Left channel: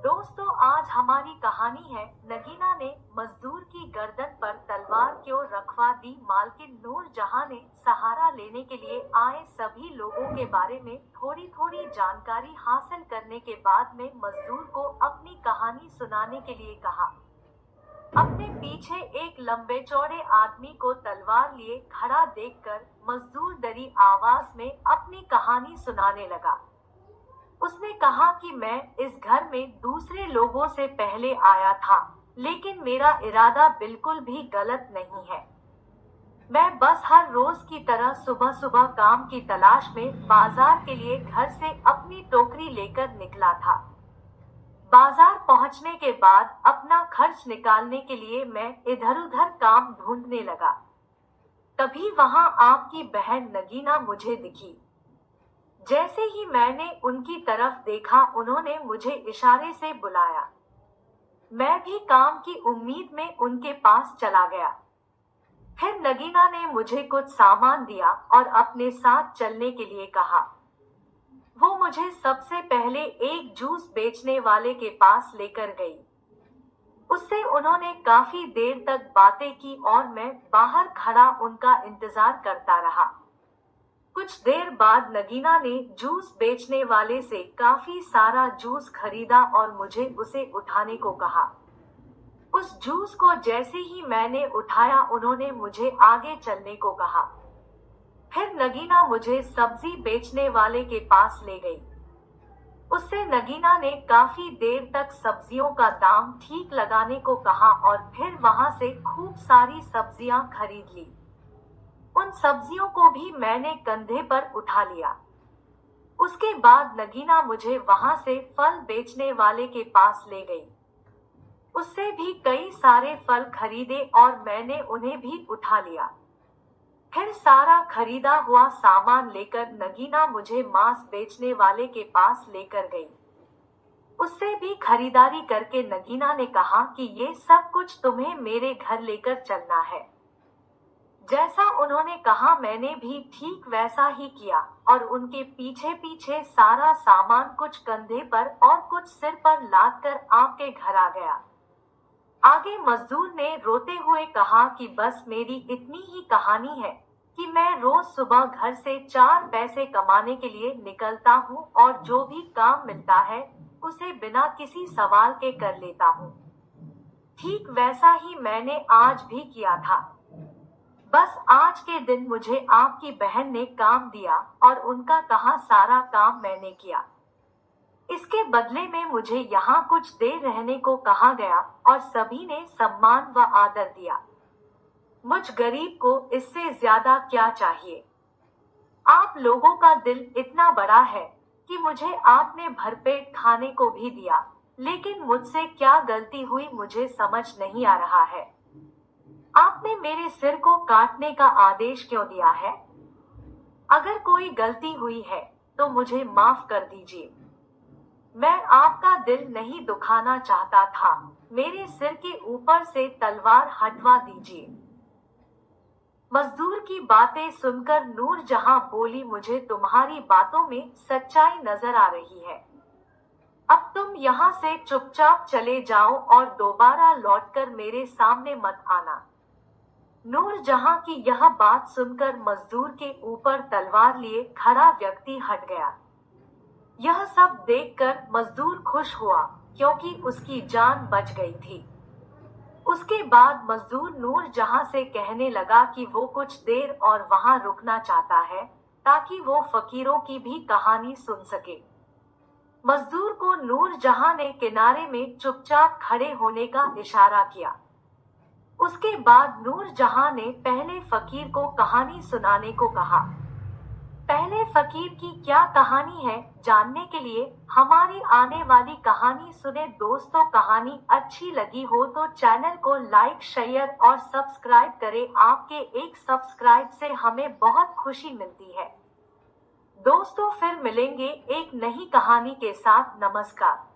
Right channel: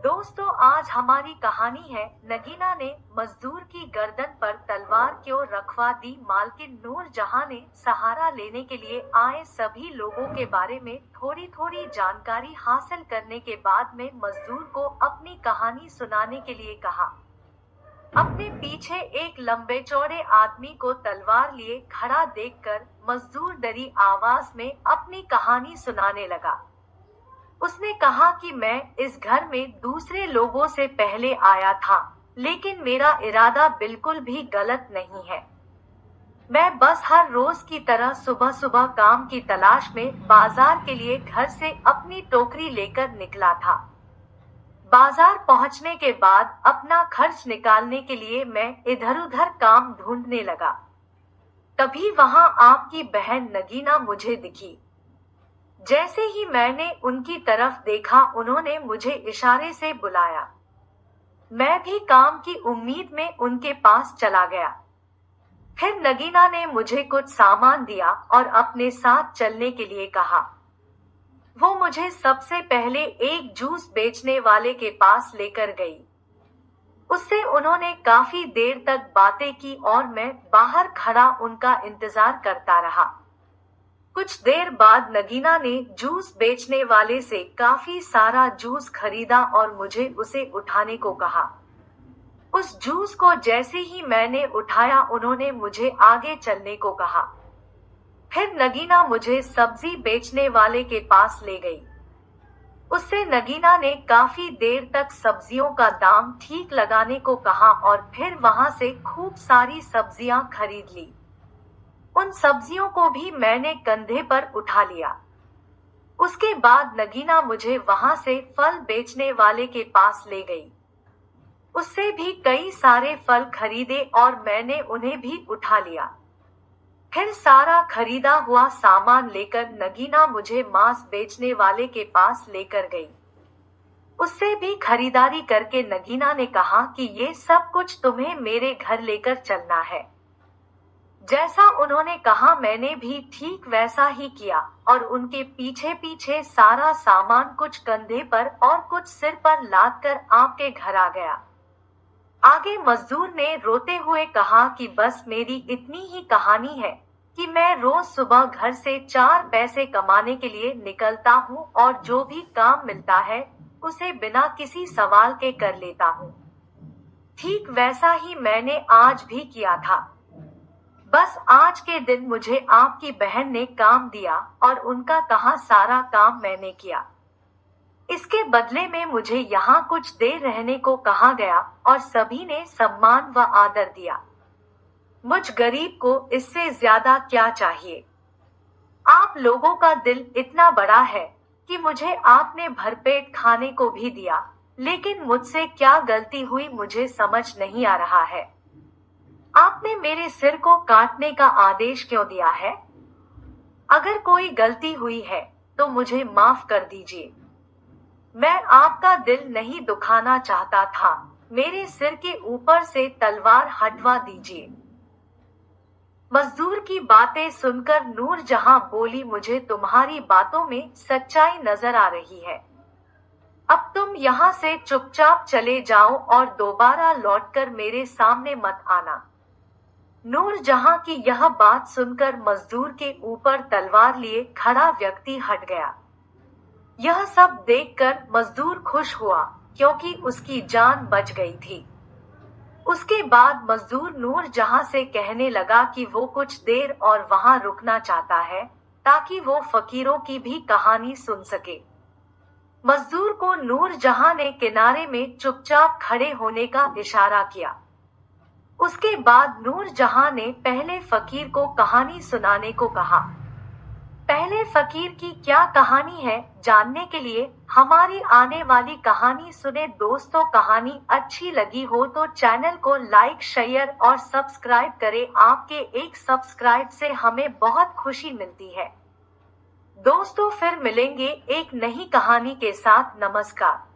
दोस्तों, आज हमारी कहानी है नगीना ने मजदूर की गर्दन पर तलवार क्यों रखवा दी। मालकिन नूर जहां ने सहारा लेने के लिए आए सभी लोगों के बारे में थोड़ी थोड़ी जानकारी हासिल करने के बाद में मजदूर को अपनी कहानी सुनाने के लिए कहा। अपने पीछे एक लंबे चौड़े आदमी को तलवार लिए खड़ा देखकर मजदूर डरी आवाज में अपनी कहानी सुनाने लगा। उसने कहा कि मैं इस घर में दूसरे लोगों से पहले आया था, लेकिन मेरा इरादा बिल्कुल भी गलत नहीं है। मैं बस हर रोज की तरह सुबह सुबह काम की तलाश में बाजार के लिए घर से अपनी टोकरी लेकर निकला था। बाजार पहुंचने के बाद अपना खर्च निकालने के लिए मैं इधर उधर काम ढूंढने लगा। तभी वहां आपकी बहन नगीना मुझे दिखी। जैसे ही मैंने उनकी तरफ देखा, उन्होंने मुझे इशारे से बुलाया। मैं भी काम की उम्मीद में उनके पास चला गया। फिर नगीना ने मुझे कुछ सामान दिया और अपने साथ चलने के लिए कहा। वो मुझे सबसे पहले एक जूस बेचने वाले के पास लेकर गई। उससे उन्होंने काफी देर तक बातें की और मैं बाहर खड़ा उनका इंतजार करता रहा। कुछ देर बाद नगीना ने जूस बेचने वाले से काफी सारा जूस खरीदा और मुझे उसे उठाने को कहा। उस जूस को जैसे ही मैंने उठाया, उन्होंने मुझे आगे चलने को कहा। फिर नगीना मुझे सब्जी बेचने वाले के पास ले गई। उससे नगीना ने काफी देर तक सब्जियों का दाम ठीक लगाने को कहा और फिर वहां से खूब सारी सब्जियां खरीद ली। उन सब्जियों को भी मैंने कंधे पर उठा लिया। उसके बाद नगीना मुझे वहां से फल बेचने वाले के पास ले गई। उससे भी कई सारे फल खरीदे और मैंने उन्हें भी उठा लिया। फिर सारा खरीदा हुआ सामान लेकर नगीना मुझे मांस बेचने वाले के पास लेकर गई। उससे भी खरीदारी करके नगीना ने कहा कि ये सब कुछ तुम्हें मेरे घर लेकर चलना है। जैसा उन्होंने कहा मैंने भी ठीक वैसा ही किया और उनके पीछे पीछे सारा सामान कुछ कंधे पर और कुछ सिर पर लाद कर आपके घर आ गया। आगे मजदूर ने रोते हुए कहा कि बस मेरी इतनी ही कहानी है कि मैं रोज सुबह घर से 4 पैसे कमाने के लिए निकलता हूँ और जो भी काम मिलता है उसे बिना किसी सवाल के कर लेता हूँ। ठीक वैसा ही मैंने आज भी किया था। बस आज के दिन मुझे आपकी बहन ने काम दिया और उनका कहा सारा काम मैंने किया। इसके बदले में मुझे यहाँ कुछ देर रहने को कहा गया और सभी ने सम्मान व आदर दिया। मुझ गरीब को इससे ज्यादा क्या चाहिए। आप लोगों का दिल इतना बड़ा है कि मुझे आपने भरपेट खाने को भी दिया, लेकिन मुझसे क्या गलती हुई मुझे समझ नहीं आ रहा है। आपने मेरे सिर को काटने का आदेश क्यों दिया है? अगर कोई गलती हुई है तो मुझे माफ कर दीजिए। मैं आपका दिल नहीं दुखाना चाहता था। मेरे सिर के ऊपर से तलवार हटवा दीजिए। मजदूर की बातें सुनकर नूर जहां बोली, मुझे तुम्हारी बातों में सच्चाई नजर आ रही है। अब तुम यहाँ से चुपचाप चले जाओ और दोबारा लौटकर मेरे सामने मत आना। नूर जहां की यह बात सुनकर मजदूर के ऊपर तलवार लिए खड़ा व्यक्ति हट गया। यह सब देखकर मजदूर खुश हुआ क्योंकि उसकी जान बच गई थी। उसके बाद मजदूर नूर जहां से कहने लगा कि वो कुछ देर और वहां रुकना चाहता है ताकि वो फकीरों की भी कहानी सुन सके। मजदूर को नूर जहां ने किनारे में चुपचाप खड़े होने का इशारा किया। उसके बाद नूर जहां ने पहले फकीर को कहानी सुनाने को कहा। पहले फकीर की क्या कहानी है जानने के लिए हमारी आने वाली कहानी सुने। दोस्तों, कहानी अच्छी लगी हो तो चैनल को लाइक, शेयर और सब्सक्राइब करें। आपके एक सब्सक्राइब से हमें बहुत खुशी मिलती है। दोस्तों, फिर मिलेंगे एक नई कहानी के साथ। नमस्कार।